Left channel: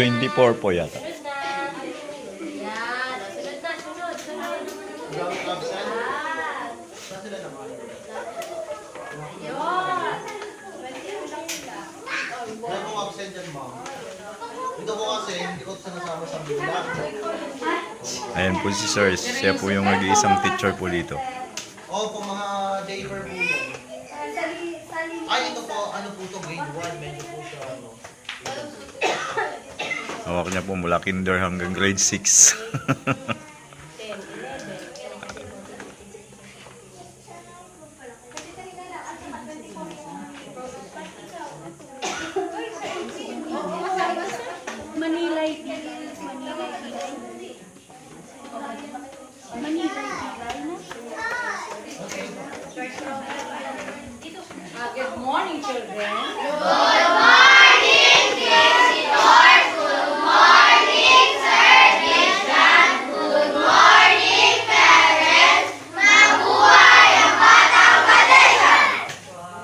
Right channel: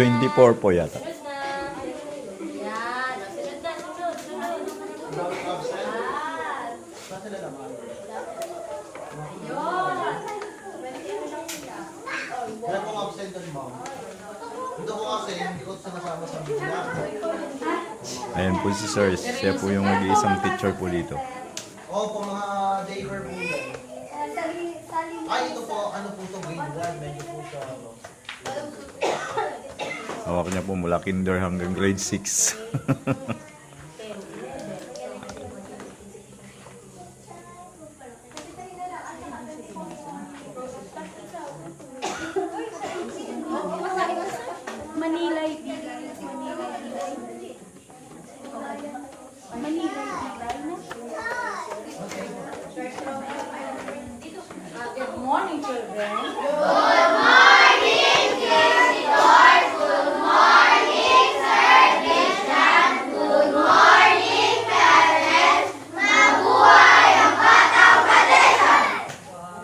24 po yata. Sunod na. Yan. Sunod na. Sunod. Ayun. Kaya kung absent yan, ma'am. Ito ko kasi, hindi ko sinasama sa bilang. Ayan po si Sir. Siya po yung nag-iisang teacher po dito. Kung mga daycare po yan. Ay, ito po, ano po ito, grade 1, medyo po siya, ano. Hawak niya po mula kinder hanggang grade 6. Manila Good morning, children. Good morning, visitors. Good morning, Sir Christian. Good morning, parents. Mabuhay ang batang Kalayaan.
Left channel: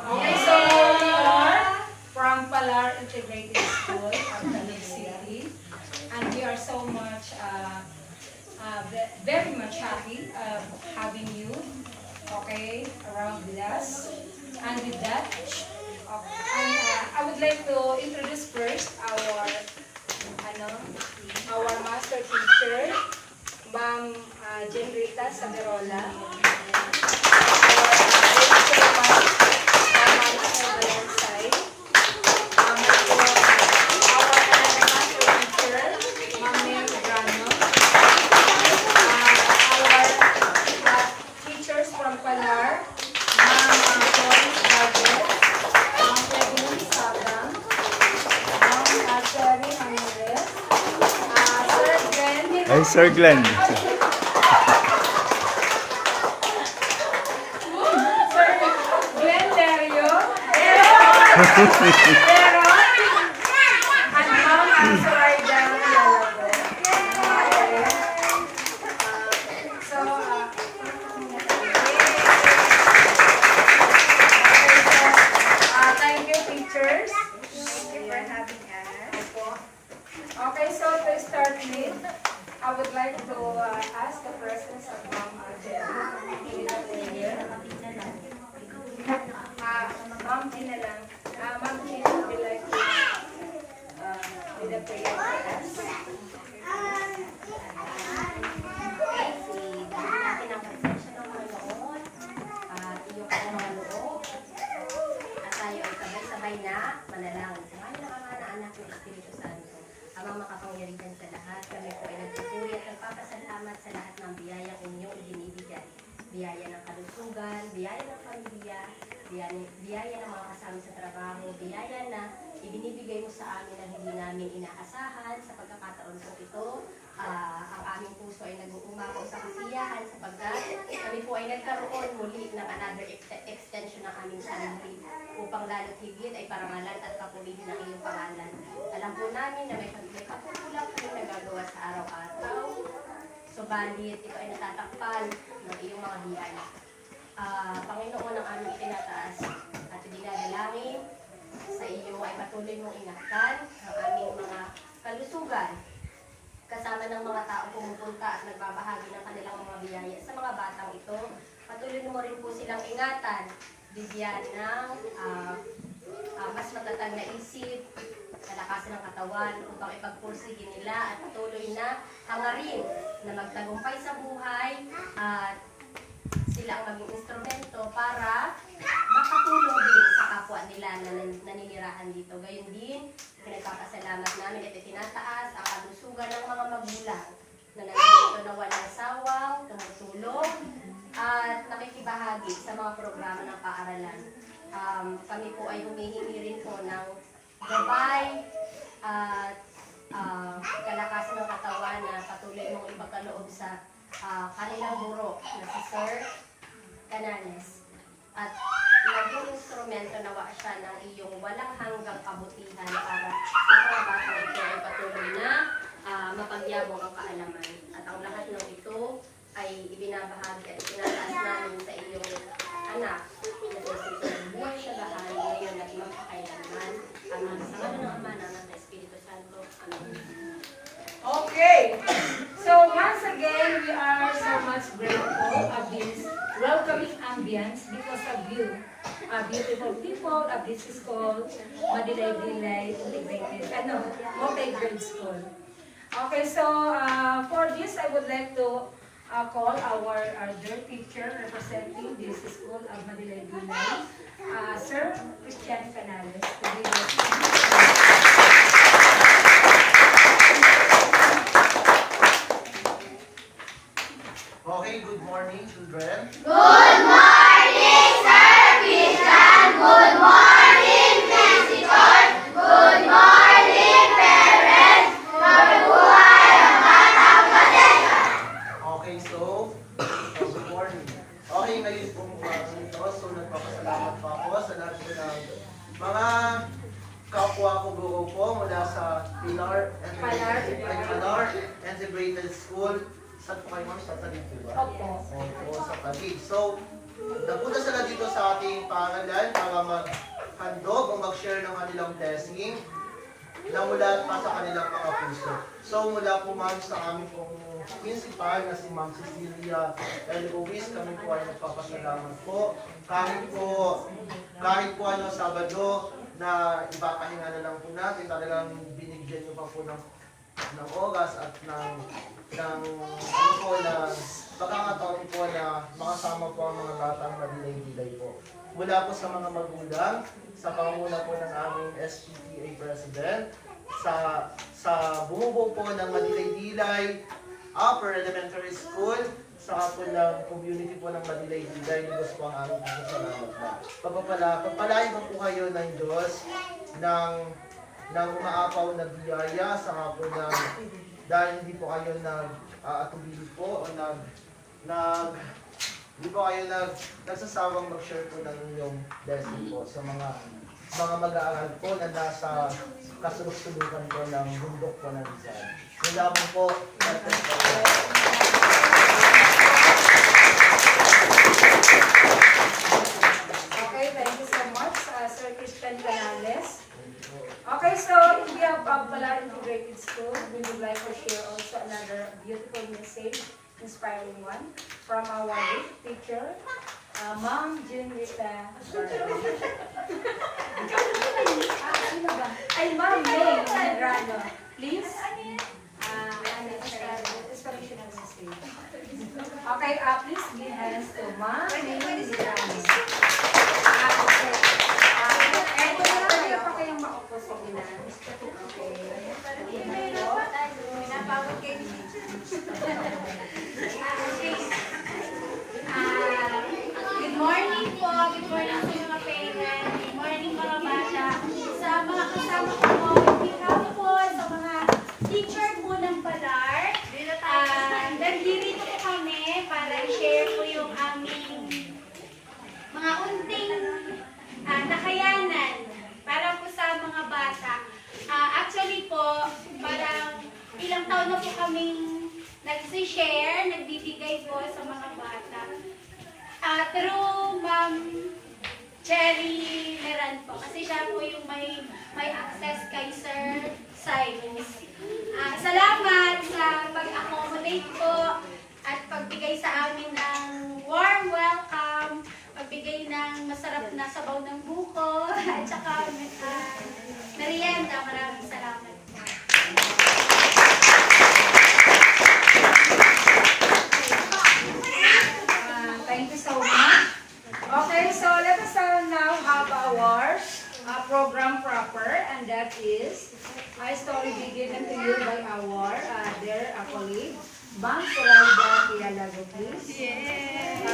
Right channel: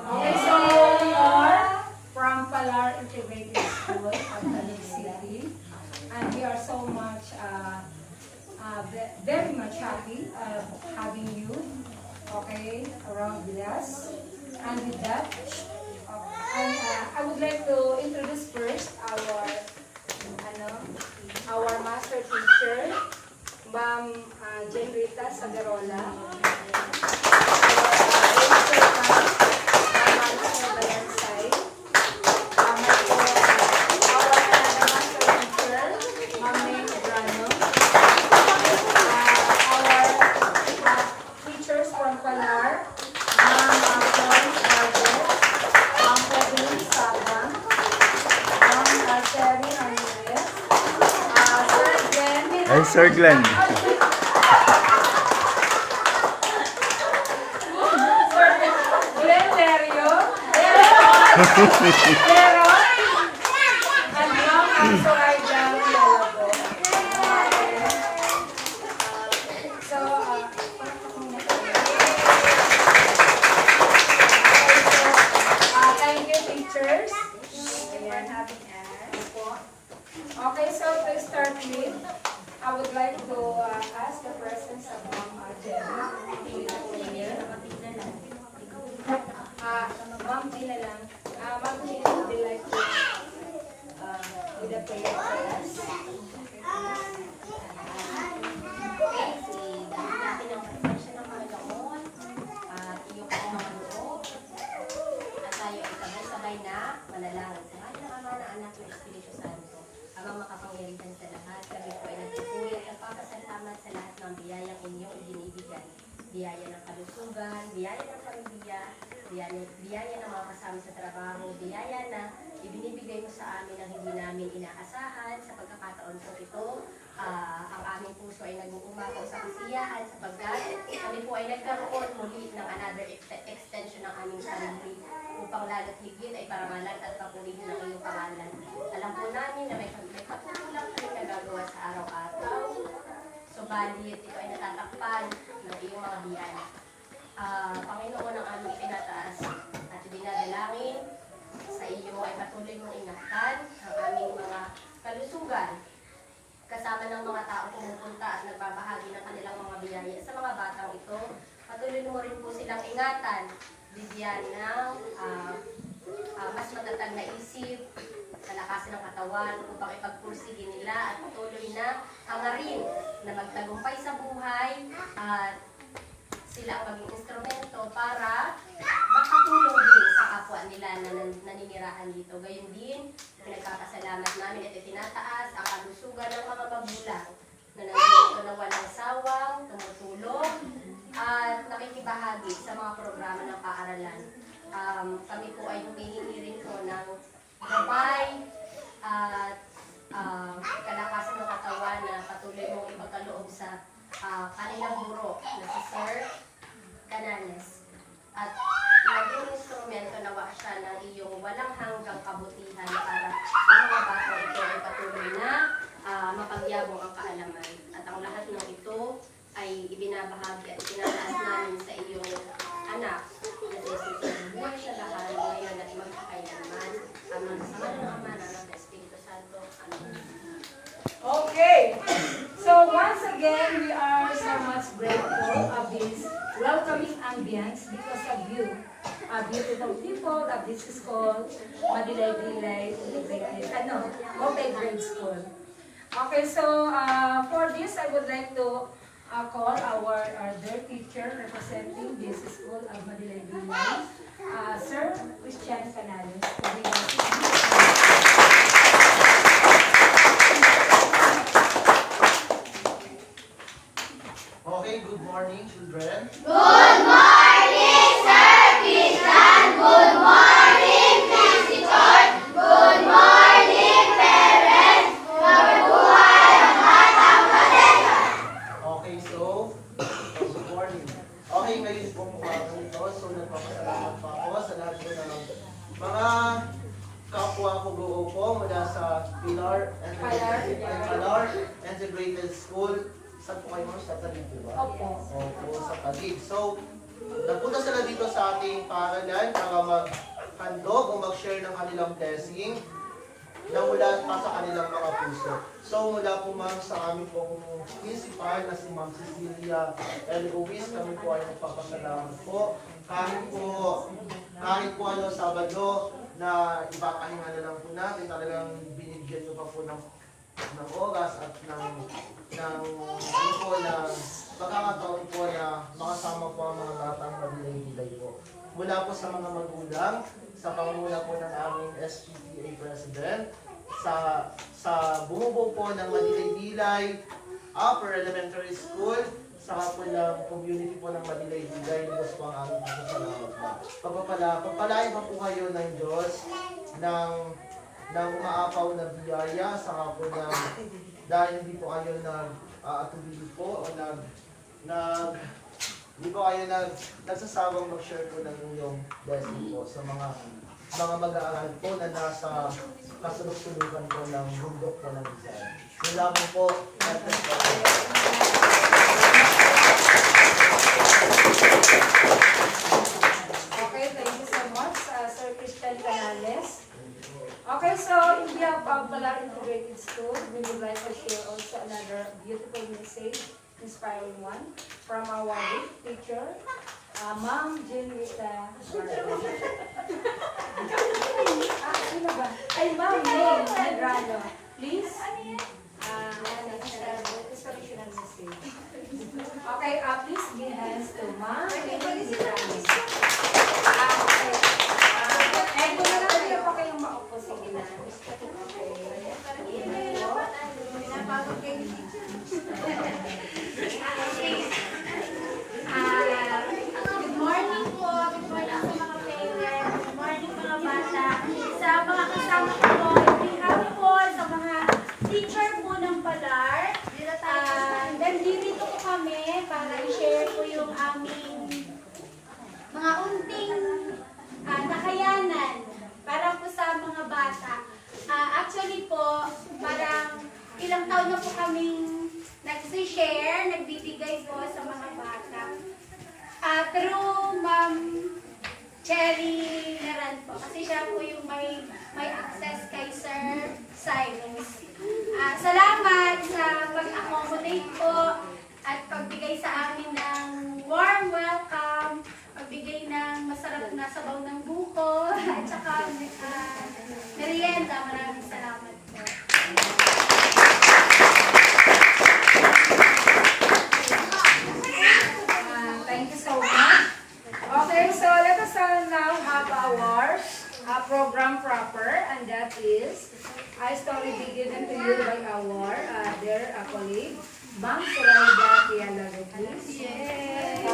Okay, so we are from Palar Integrated School of Taguig City, and we are so much, very much happy of having you, okay, around with us. And with that, I would like to introduce first our master teacher, Ma'am Jenrita Saberola. Teachers from Palar, Ay, Sir Glenn. Glenn Lerio. Pero, I'm Soraya Lalago. So, thank you, teachers. Thank you for having us. Okay, so to start with, I would like to ask the presence of Ma'am Jenna. Ma'am Gina lang. Ma'am Gina would you like to lead a prayer for us? Gawin natin ang presensya ng Panginoon at iyong mga loob. At tayo ay sabay-sabay na manalangin. Sabay na Ama na Anak ng Espiritu Santo. Amang makapangyarihan sa lahat, kami po ay nagpupuri at nagpapasalamat sa lahat ng biyayang inyong ibinibigay. Biyaya ng kalusugan, biyaya ng pamilya, biyaya ng mga kasama sa trabaho, biyaya na ibinibigay mo sa amin ang hindi namin inaasahan. Sa pagkakataon po ito, ang aming puso ay nag-uumako sa kasiyahan sapagkat kami po ay nagkaroon muli ng another extension ng aming sarili upang lalo't higit ay parangalan at papulihin ng iyong pangalan. Alam po namin na may kapululang kami nagagawa sa araw-araw, subalit ito ay natatakpan ng iyong mga biyaya. Panginoon, ang aming itinataas at dinadalangin sa iyo ay patuloy mong ingatan ang aming mga kalusugan kasama ng mga tao pumupunta at nagbabahagi ng kanilang mga biyaya sa mga batang ito. Patuloy mo rin po silang ingatan, bigyan ng mas matatag na isip, kalakasan ng katawan upang ipagpursige nila at patuloy na hangarin na magtagumpay sa buhay at sila ang maging instrumento para makatulong din sa kapwa nila na naninirahan dito. Gayon din, pinagpapasalamat namin at itinataas ang kalusugan ng mga magulang na nandito na walang sawang, tumutulong at nakikibahagi sa mga programa ng paaralan. Kami po ay humihingi rin po ng gabay at kalakasan ng katawan na patuloy mong ipagkaloob sa kanilang guro na si Sir Canales. At maging instrumento nawa siya ng iyong walang hanggang kabutihan para ang mga batang ito ay patuloy na mapagyabong ang kaalaman. At ang lahat ng ito ay ibinabahagi at itinataas namin sa iyong anak na si Jesus. Buhay siya lahat ngayon at magpakailanman. Ang mga sama ng Ama ng Espiritu Santo. Amen. Okay. So once again, we are so much grateful of this welcoming ambience because of you, beautiful people of this school, Madilay-Dilay Integrated, multi-grade school. Okay, so for this, I would like to call our dear teacher representing this school of Madilay-Dilay, Sir Christian Canales. Okay, good morning, children. Good morning, Sir Christian. Good morning, Nancy George. Good morning, parents. Mabuhay ang batang Padilla. Okay, so, good morning. Okay, ngayon po ito, so nagpapasalamat pa ako sa lahat po ng mga kapwa ko guro po mula sa Pilar Integrated School. Saan po kayo, ma'am? Sa Talig po ba? Opo. Opo, sa Talig. So, napunta sila dito sa ating paaralan para maghandog o mag-share ng kanilang blessing na mula pa sa kanilang mga puso. So, mula po ma'am sa aming pong principal na si Ma'am Cecilia L. Ruiz, kami po ay nagpapasalamat po. Kahit po Sabado na ipapahinga na lang po natin, talagang binigyan nyo pa po ng oras at ng pagkakataon po na makasama po ang mga batang Madilay-Dilay po. Mula po sa mga magulang, sa pangunguna po ng aming SPTA President, sa bumubuo po ng Madilay-Dilay Upper Elementary School, saka po ng community po ng Madilay-Dilay, Diyos po ang aming pasasalamat na. Pagpalain po kayo ng Diyos ng umaapaw na biyaya, saka po dahil hindi po kayo nag-atubili po o hindi po kayo nagsasawang mag-share po ng inyong blessing po sa mga mag-aaral po na nasa kasulok-sulukan po ng bundok po ng Rizal. Yun lamang po. Okay, thank you so much, Sir Christian Canales. Okay, so in behalf of Pilar Integrated School, we would like to share also another beautiful message, inspiring one, from our teacher, Ma'am Jenrita. Sino ba? Ay, Ma'am May Medrano. Please, inspirational message. Okay, please give hands to Ma'am May Medrano. Pwede pa kayong maupo sa gila. Pinapagod kayo ni Good morning po. Good morning sa mga parents. Good morning mga bata. Sa mga kasama ko po, behalf po sa mga teacher po ng Pilar. Nandito po kami para i-share po yung aming mga unting nakayanan para po sa mga bata. Actually po, parang ilang taon na po kaming nag-share, nagbibigay po sa mga bata. Through Ma'am Cherry Meran po. Kasi siya po yung may access kay Sir Cyrus. Salamat sa pag-accommodate po at pagbigay sa amin ng warm welcome, pagbigay ng masarap na sabaw ng buko, at saka merienda. Maraming salamat po. Thank you so much. Okay, so let us now have our program proper, and that is a story given to you by our dear colleague, Ma'am Zoraida Pialago, please. Yes!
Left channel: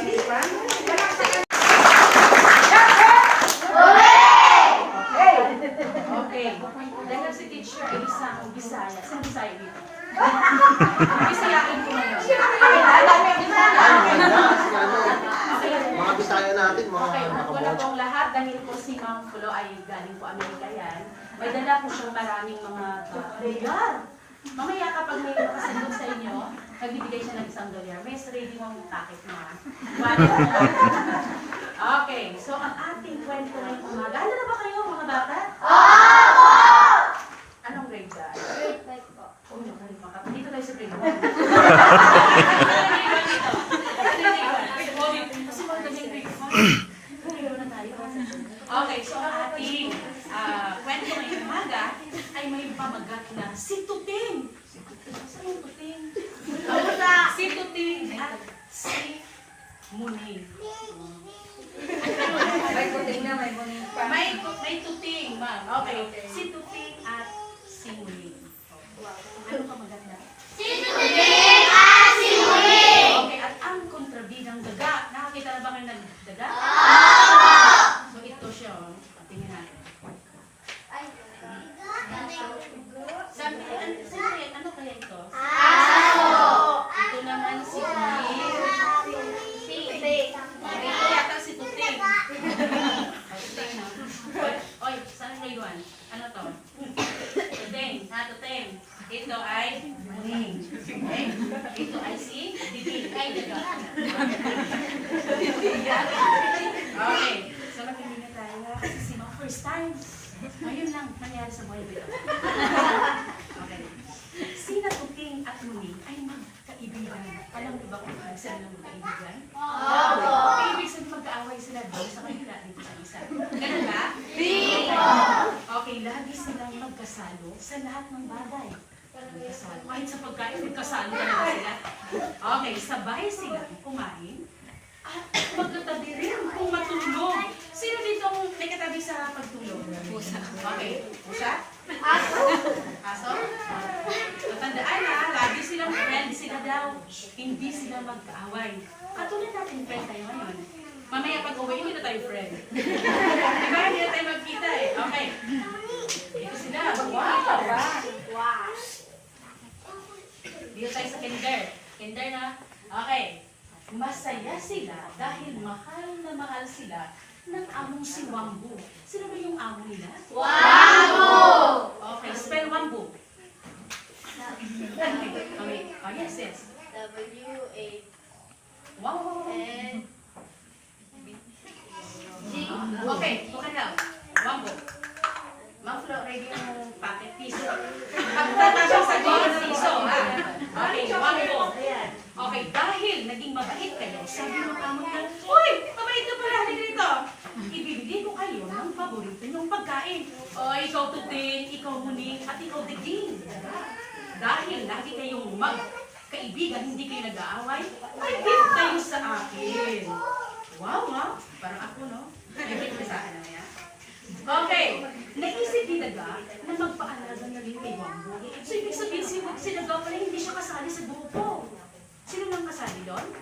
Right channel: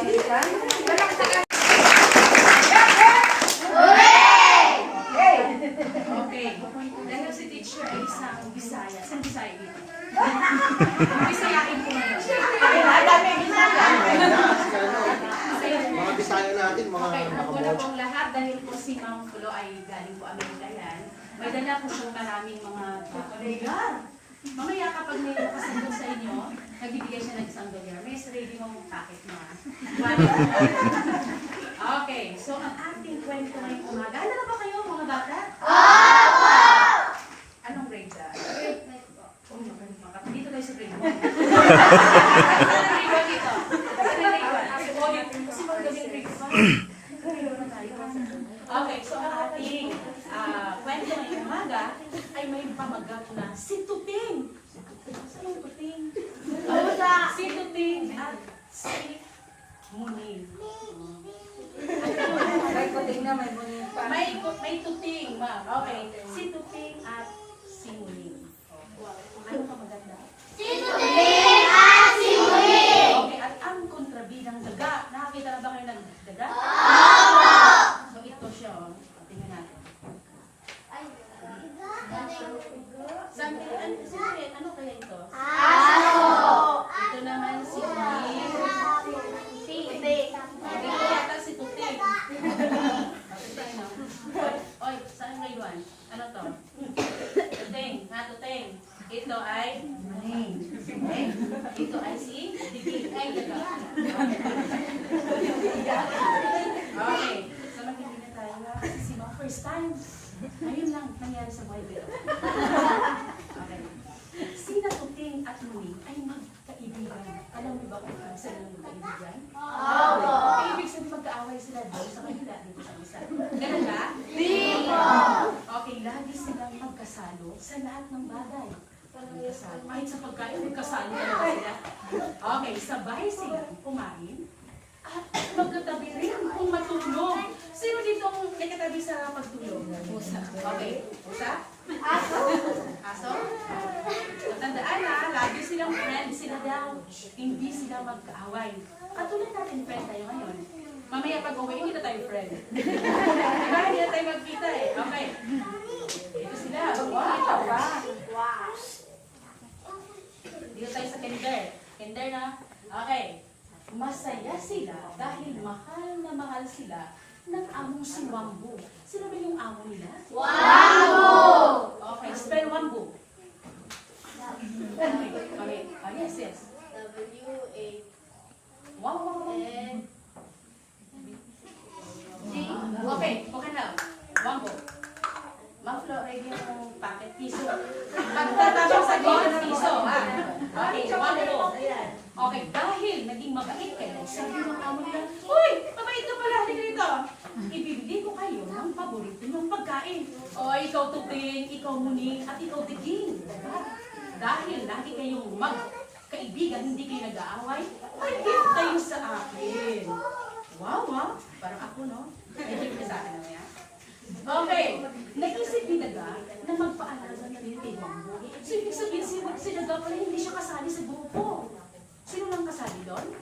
Okay. Dahil si teacher ay isang Bisaya. Saan Bisaya dito? Bisayain ko ngayon. Mga Bisaya natin, mga Okay, una pong lahat, dahil po si Ma'am Pulo ay galing po Amerika yan, may dala po siyang maraming mga regalo. Mamaya kapag may nakasandok sa inyo, nagbibigay siya ng isang dolyar. May ready mong takit mga Okay, so ang ating kwento ngayong umaga. Handa na ba kayo mga bata? Opo! Anong grade ka? Grade 9 po. Dito tayo sa grade 1. Grade 1 dito. Kasi magaling grade 5. Grade 1 na tayo. Okay, so ang ating kwento ngayong umaga ay may pamagat na si Tuting. Saan ang Tuting? Si Tuting at si Muning. May kuting na, may kuting pa. May Tuting, ma'am. Okay. Si Tuting at si Muning. Ano ka maganda? Okay, at ang kontrabidang daga. Nakakita na ba kayo ng daga? So ito siya, oh. Tingnan natin. Sabi, ano kaya ito? Ito naman si Muning. Okay, ito yata si Tuting. Oy, saan grade 1? Ano to? Tuting, ha, Tuting. Ito ay Muning. Okay? Ito ay si Digig. Ay, daga. Okay. So, magkaibigan tayo na kasi si mga first time. Ngayon lang nangyari sa buhay ko ito. Okay. Sina Tuting at Muning ay magkaibigan. Alam mo ba kung ibig sila ng magkaibigan? Okay, ibig sabihin magkaaway sila doon sa kanila dito sa isa. Ganun ba? Okay, lagi silang magkasalo sa lahat ng bagay. Magkasalo. Kahit sa pagkain, magkasalo talaga sila. Okay, sabay silang kumain at magkatabi rin kung matulog. Sino dito may katabi sa pagtulog? Pusa. Okay, pusa? Aso? Aso? Tandaan na, lagi silang friend sila daw. Hindi sila magkaaway. Katulad natin friend tayo ngayon. Mamaya pag uwi, hindi na tayo friend. Diba? Hindi na tayo magkita eh. Okay. Ito sila. Wow! Dito tayo sa kinder. Kinder na. Okay. Masaya sila dahil mahal na mahal sila ng among si Wambu. Sino ba yung amo nila? Wambu! Okay, spell Wambu. Okay. Oh, yes, yes. Wow! Okay, bukan daw. Wambu. Ma'am Flo, ready yung packet piso. Pagkatapos sa piso, ha? Okay, Wambu. Okay, dahil naging mabait kayo, sabi ng amo nila, uy, mabait ka pala, halika dito. Ibibigay ko kayo ng paborito niyong pagkain. O, ikaw Tuting, ikaw Muning, at ikaw Diging. Dahil lagi kayong magkaibigan, hindi kayo nag-aaway, ay gift kayo sa akin. Wow, ha? Parang ako, no? Ay, gift ka sa akin na yan. Okay, naisip ni Daga na magpaalaga na rin kay Wambu. So, ibig sabihin, si Daga pala hindi siya kasali sa grupo. Sino nang kasali doon?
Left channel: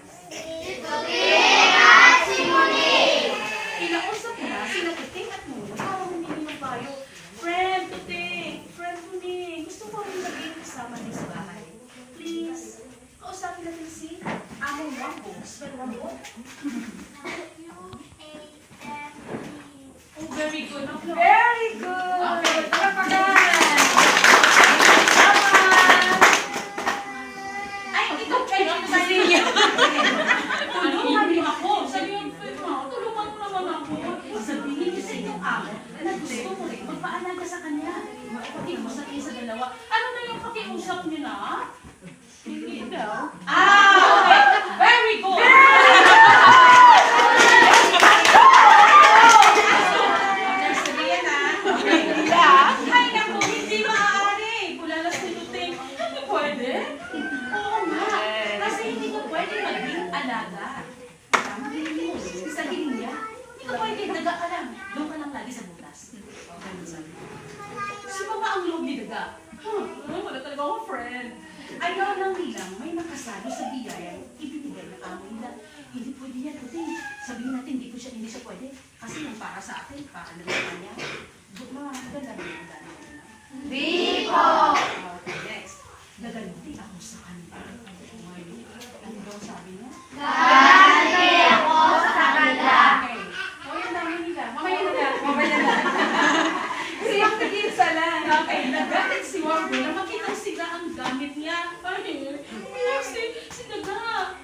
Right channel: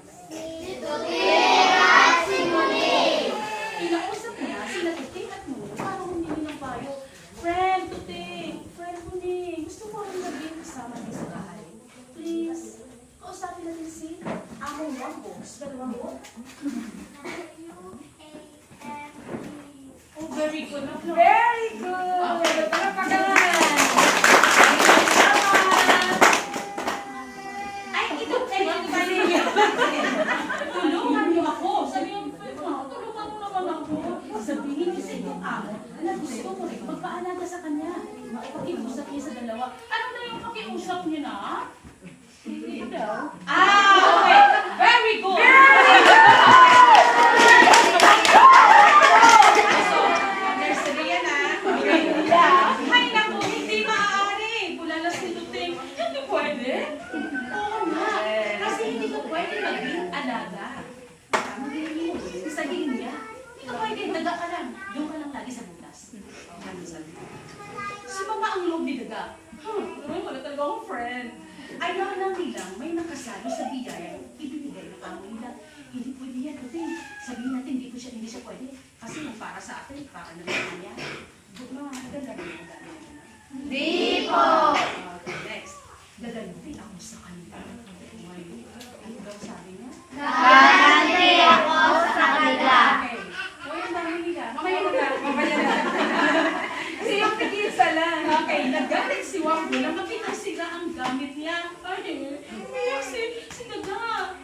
Inausap niya sila Tuting at Muning para humingi ng payo. Friend Tuting, friend Muning, gusto mo rin naging kasama niyo sa bahay? Please, kausapin natin si Among Wambu. Spell Wambu. Oh, very good. Very good! Okay. Talapakan! Ay, ito kayo sa niya. Tulungan niyo ako. Sabi yung tulungan mo naman ako. Sabihin niyo sa inyong amo na gusto mo rin magpaalaga sa kanya. Makikiusap kayo sa dalawa. Ano na yung pakiusap niyo na? Hindi daw. Okay. Very good. Understand na? Okay. Ay, naku, hindi maaari. Kulalas ni Tuting. Hindi pwede. Oo nga. Kasi hindi ko pwede maging alaga. Tama din mo. Sa hiling niya. Hindi ko pwede. Daga-alam. Doon ka lang lagi sa butas. Si Mama ang loob ni Daga. Wala talaga akong friend. Ayaw lang nilang may nakasalo sa biyayang ibinigay ng amo nila. Hindi pwede yan, Tuting. Sabihin natin, hindi siya pwede. Kasi yung para sa akin, para na lang niya. Doon na, maganda rin ang dami nila. Di po! Okay, next. Gagalitin ako sa kanila. Ano daw sabi niya? Gagalitin ako sa kanila. Okay. O, yung dami nila. Mamaya na. Mamaya na. Siyang tigisa lang. Okay, nagalit si Wambu na makita sila ang gamit niya. Ay, si Daga.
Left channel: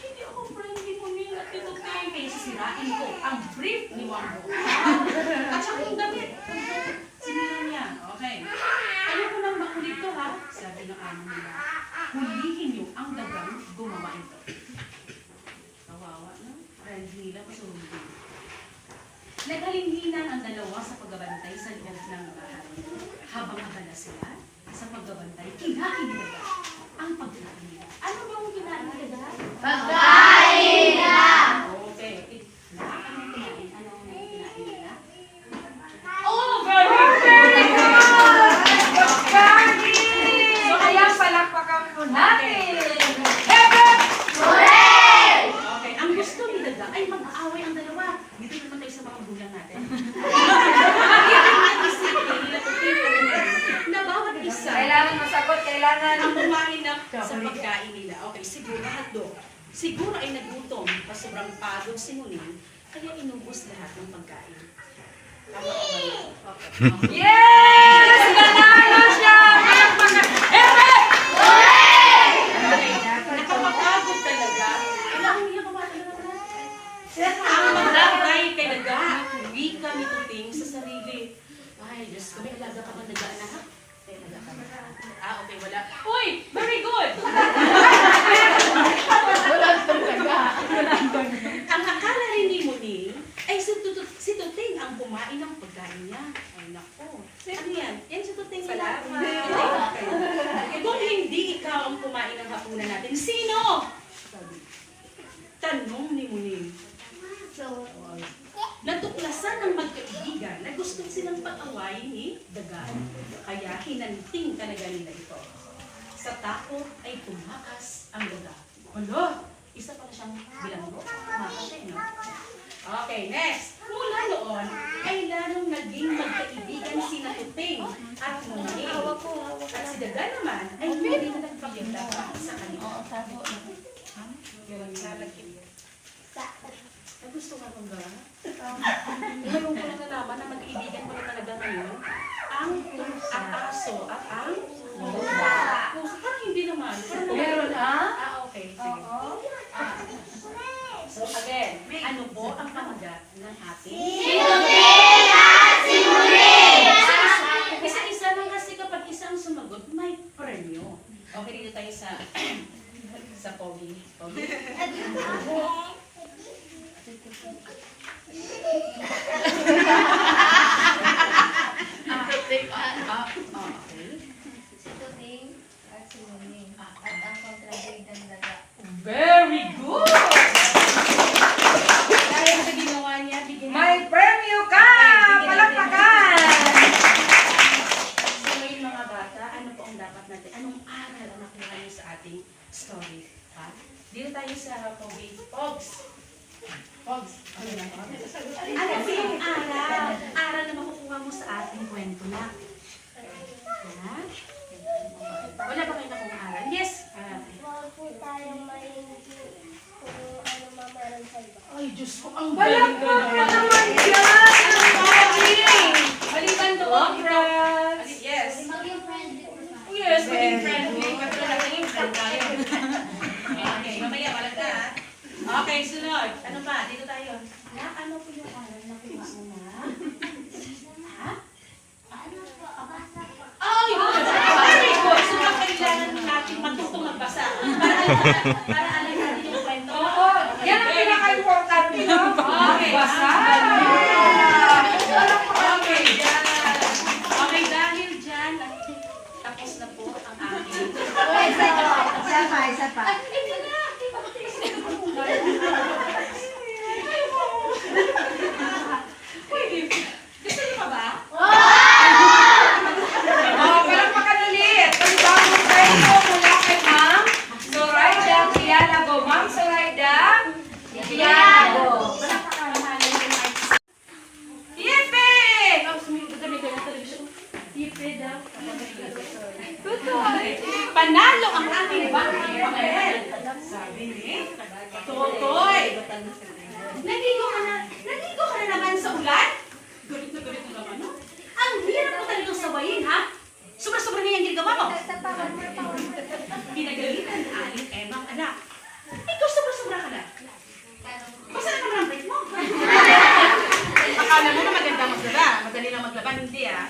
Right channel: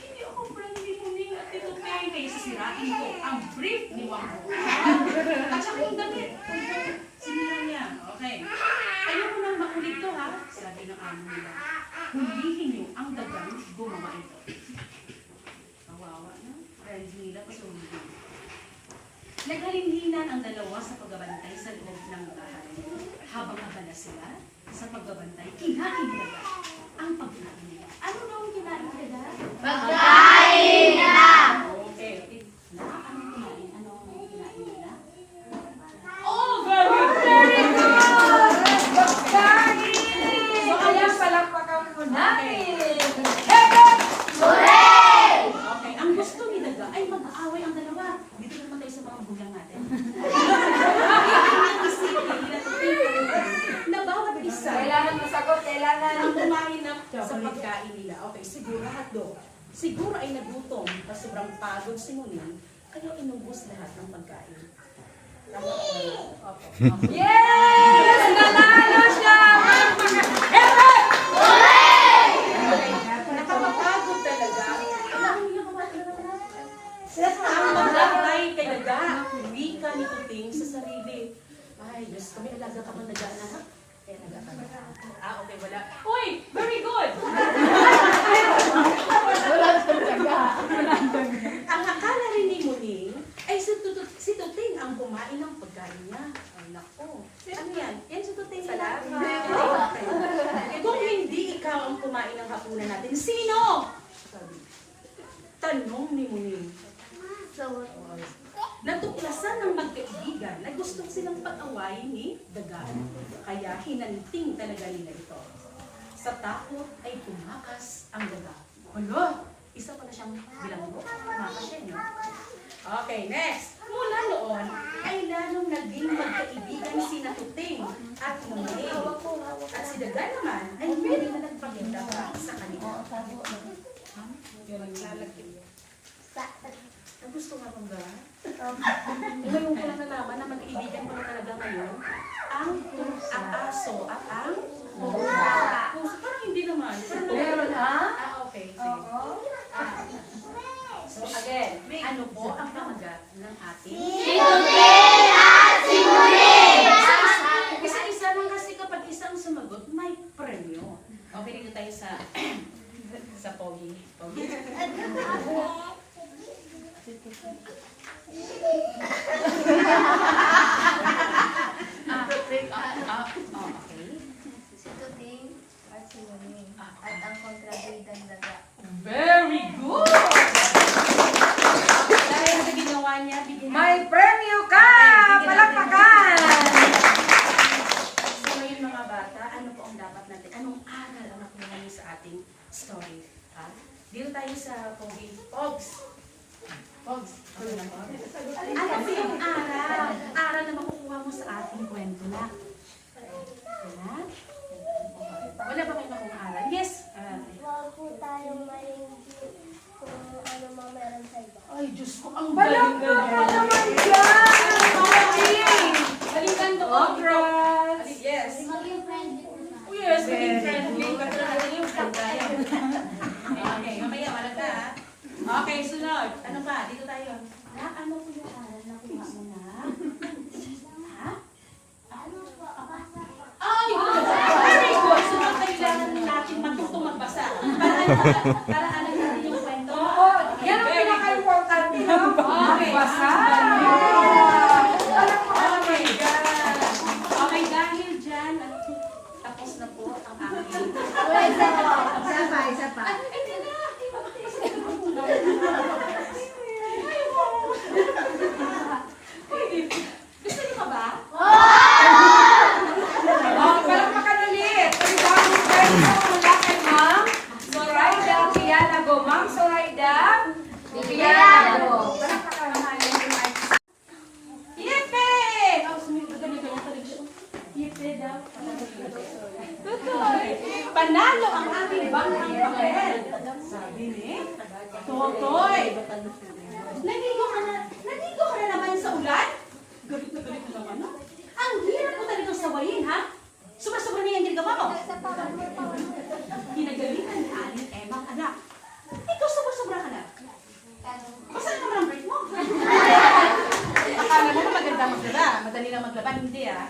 Hindi ako friend ni Muning at ito kaya sisirain ko ang brief ni Wambu. At saka yung damit. Sinira niya. Okay. Ayaw ko nang makulit to, ha? Sabi ng amo nila. hulihin niyo ang dagang gumawa ito. Kawawa, no? Friends nila, pasuhin. Naghalinhinan ang dalawa sa pagbabantay sa loob ng bahay. Habang abala sila sa pagbabantay, kinain nila ang pagkain nila. Ano yung kinain nila? Pagkain na! Okay. Anong kinain? Anong kinain nila? Oh, very good! So, kaya palakpakan mo natin. Hooray! Okay, ang gusto ni Daga ay mag-aaway ang dalawa. Dito naman tayo sa mga bulang natin. Na bawat isa Kailangan masagot, kailangan. ang kumain na sa pagkain nila. Okay, siguro hotdog. Siguro ay nagutom pa sobrang pagod si Muning, kaya inubos lahat ng pagkain. Tama ba? Okay. Yes! Nanalo siya! Palakpakan! Okay. Nakapapagod talaga. Alam niya kumain na naman. Ang maglagay kay Daga, wika ni Tuting sa sarili. Ay, Diyos ko, may alaga ka ba Daga na ha? May alaga ka ba? Ah, okay, wala. Uy! Very good! Ang akala rin ni Muning ay si Tuting ang kumain ng pagkain niya. Ay, nako. Ano yan? Yan si Tuting nila. Okay. Kung hindi ikaw ang kumain ng hapunan natin, sino? Sabi. Tanong ni Muning. Natuklasan ng magkaibigan na gusto silang pag-awayin ni Daga. Kaya hinanting talaga nila ito. Sa takot ay tumakas ang Daga. Hala! Isa pala siyang bilanggo. Tumakas siya, no? Okay, next. Mula noon, ay lalong naging magkaibigan si Tuting at Muning. At si Daga naman ay hindi na nagpakita pa sa kanila. Ay, gusto nga kong gano'n. Ngayon ko lang nalaman na magkaibigan ko na talaga ngayon ang aso at ang pusa. Pusa, parang hindi naman. Meron, ha? Okay, sige. So again, ano po ang pamagat ng ating? Isa-isa lang kasi kapag isang sumagot, may premyo. Okay, dito tayo sa Pogi. Pogi. Okay. Si Tuting at si Muning. At ang kontrabidan Daga. Very good! Dahil sa ginawa niya, bigyan May premyo ka! Palakpakan! So ngayon mga bata, ano po ang dapat natin? Anong aral ang nakuha niyo sa ating story? Ha? Dito tayo sa Pogi. Pogs! Pogs! Ano yan? Ano po yung aral? Aral na makukuha mo sa ating kwento na. Ha? Wala ba kayo nakuha aral? Yes! Huwag po tayong mainggi kung ano man meron sa iba. Ay, Diyos ko, ang galing Palakpakan naman dyan! Maging! Balikan to, Congrats! Yes. Maging friendly po na. Yes, maging friendly. Katulad natin yung friend tayo. Okay, mamaya, wala ka. Okay, sunod. Ano pa? Dito tayo. Na, ano po yung aral na kuha mo na? Ha? Ano po? Abasa po. Ay, very good. So, kailangan natin matutong magbasa. Para alam natin yung kwento. Oo, yan ang pinaka-important, no? Okay. Magbasa! Okay, dyan. Okay, dahil dyan, tapos na po ang aking. Isa pa. Ay, hindi na. Pwede. Gusto niyo pa ba? Oh, palakpakan ulit! Panibagong kwento mula kay Ma'am Zoraida Pianago. Ma'am Zoraida Pianago. Yipe! Oh, sumigot kami ka ng television. Yipe daw. Okay. Panalo ang aking bangkang papel. Sabi ni Totoy. Naligo ka na naman sa ulan? Galit na naman, no? Ang hirap mo talagang sawayin, ha? Sobra-sobra na yung ginagawa mo. Pinagalitan ni Aling Emang anak. Ikaw sobra-sobra ka na. Basta na naman ang break mo. Akala mo na maganda maglaba. Madali lang maglaban. Hindi, ah.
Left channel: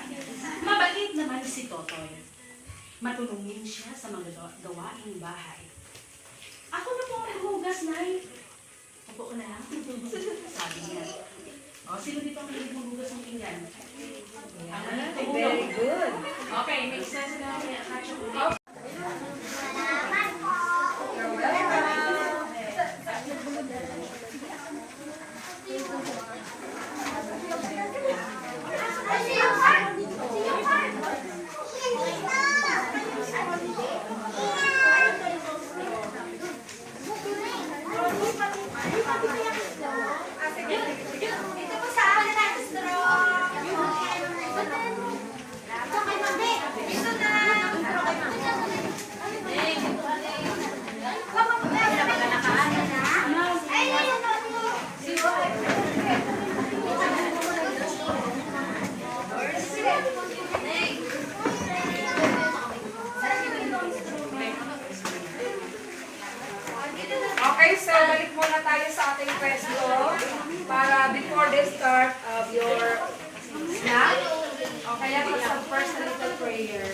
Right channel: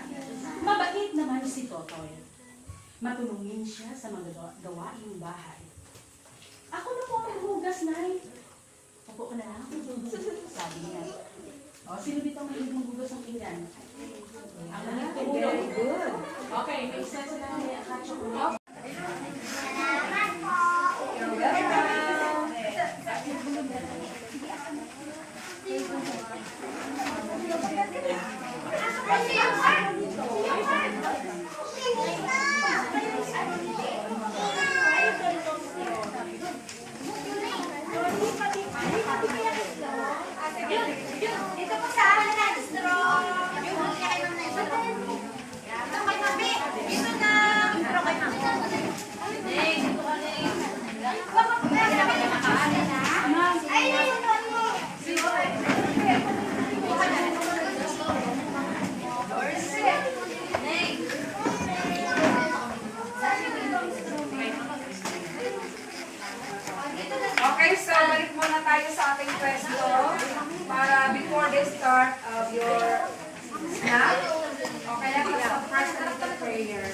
Mabait naman si Totoy. Matulungin siya sa mga gawain aking bahay. Ako na po ang maghugas, Nay. Upo ko na lang. Sabi niya. O, sino dito ang mahilig maghugas ng pinggan? Ako na po. Very good. Okay, next na sila niya. Catch up ulit. Ito po sa akin na natin straw. Ito kay Nabi. Ito na. Okay, so balik muna tayo sa ating pwesto para before the start of your snack. Okay, let's have first a little prayer.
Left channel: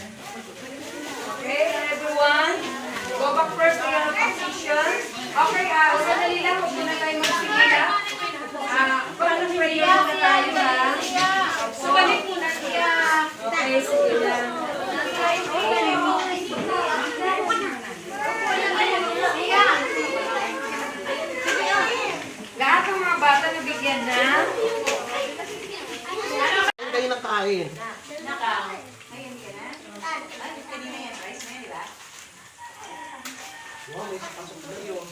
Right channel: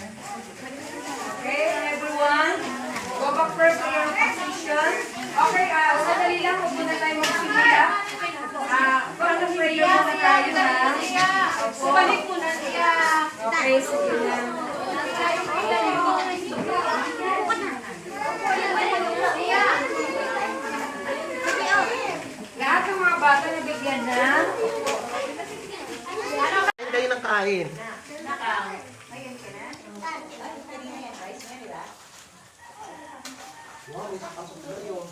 Okay, everyone, go back first to your position. Okay, sandali lang, huwag muna tayo magsimula. Paano prayer muna tayo ha? So, balik muna siya. Okay, sige lang. Lahat ng mga bata nabigyan na. Kayo ng kain. Wow, may pasok na yun.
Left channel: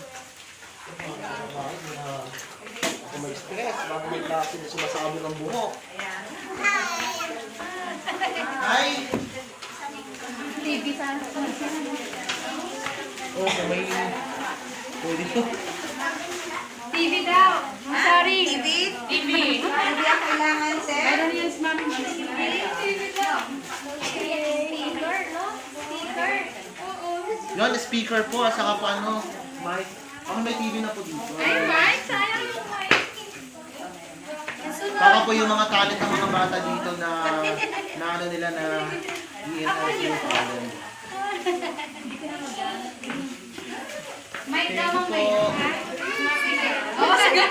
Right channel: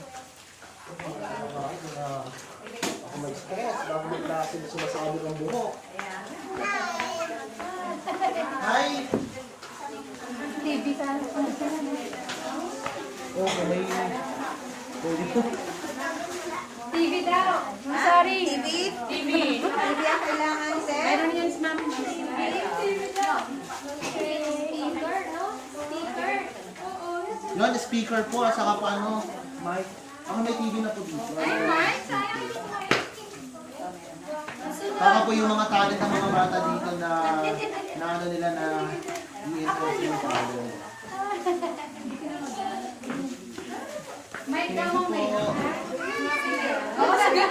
Ako mag-stress bago may klase na sumasabog ang buhok. Hi! TV sa Oh, may... Pwede ko. TV daw. I'm sorry. TV? TV. Hindi ang kailangan, sir. Meron yan si Mami. Speaker, no? Speaker. Yun, speaker po, saka pa ano, mic. Ako may TV na po dito. Ay, Mike, sayang yung mic. Baka po yung mga talent ng mga bata dito na ano nila na i-enhance yung talent. Mic daw mo, Thank mic. you po. Oh, sige.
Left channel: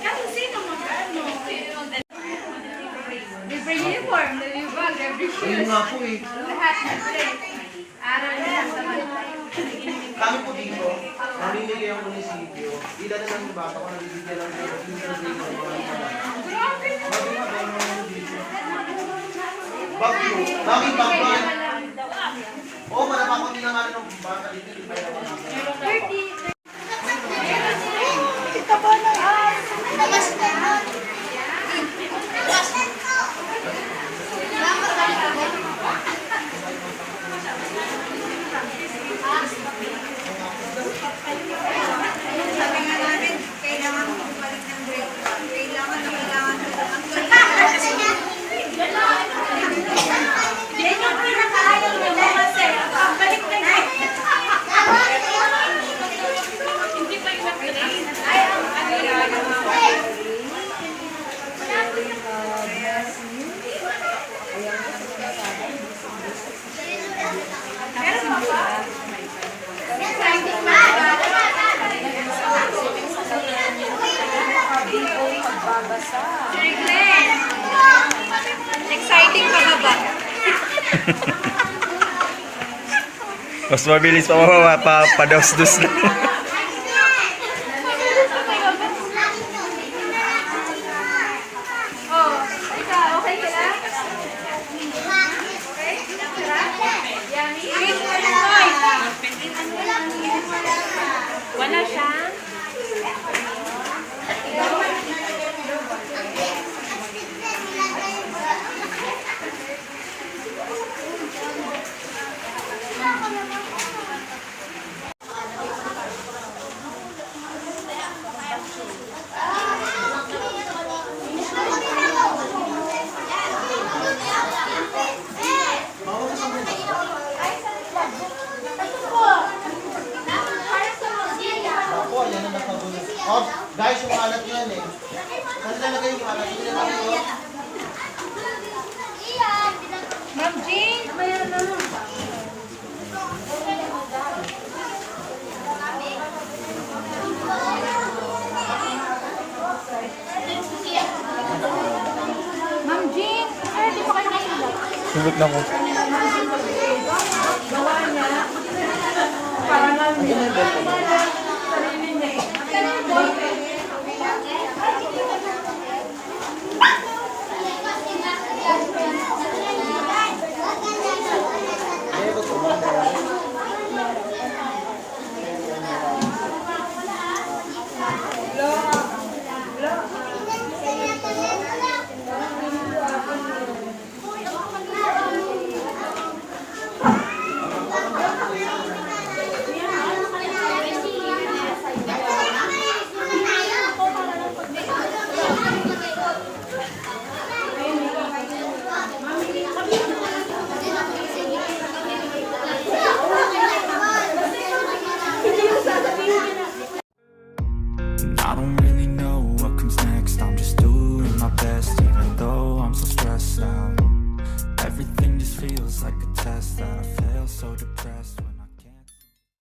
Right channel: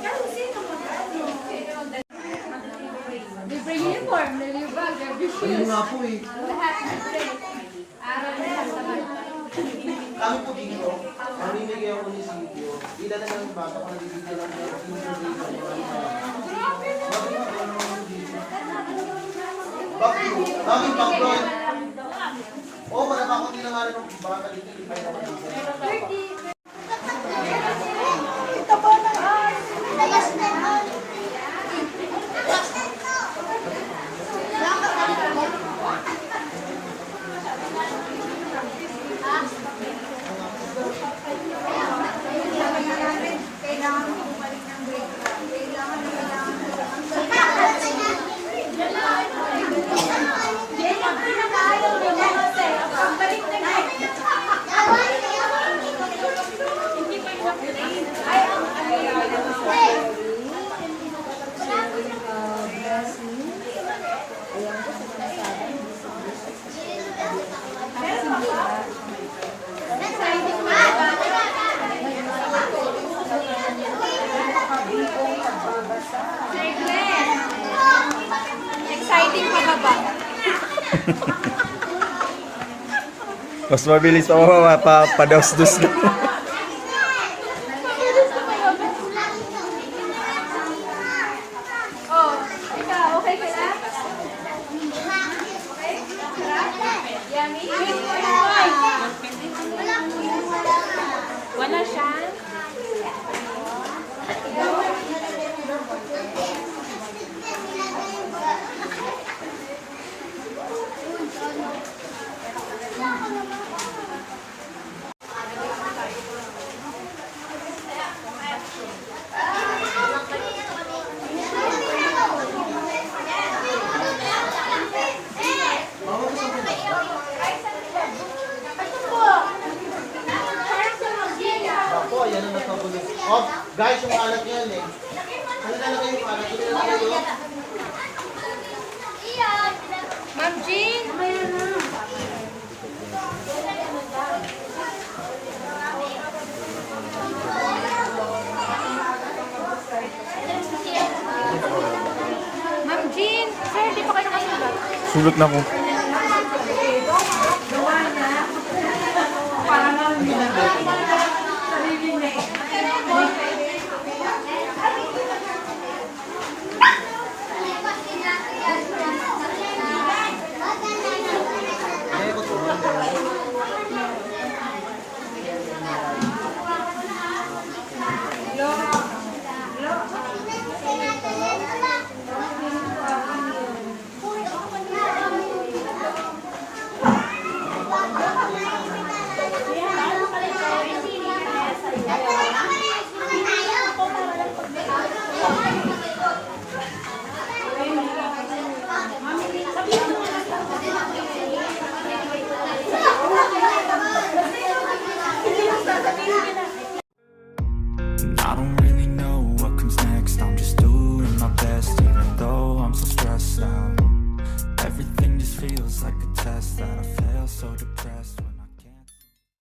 Kasi sino mag-ano? Libre uniform, libre bag, libre Ayun shoes. nga po eh. Lahat libre. Aral nila sa Kami po dito, mamimigay ang munisipyo. Ilan na lang yung bata kung nabibigyan lang ng intergrade ng Bakit? Daming bagay. Oo, malapakot nila nga rin ng bata dito. Di ba yung mga Ito po na. Labas na. Kailangan mo balik ng grade. Kailangan. Yan yung pinakaayaw mo kasi. Balik na na. Hindi pa yung grade. Ay, exciting ba? Sir Glenn, exciting ka ba? Mas mabilis pa padaus-dus na. Oh, ikaw, okay ka na? Yummy? Wala siya. Ako, yan ang nagpagulo. Oh, guys, yung kalat yan eh. Ano talaga yung kalat? Hindi na tayo. mamaya na. Ma'am Jean, sir, di pa kayo nakasulat. Sulat na ko. Gawa niya. Parang ang sarili niya eh. I don't really know what comes next. I'm just doing my best, even though I'm so stressed out. Everything just feels like a test that I fail, so depressed.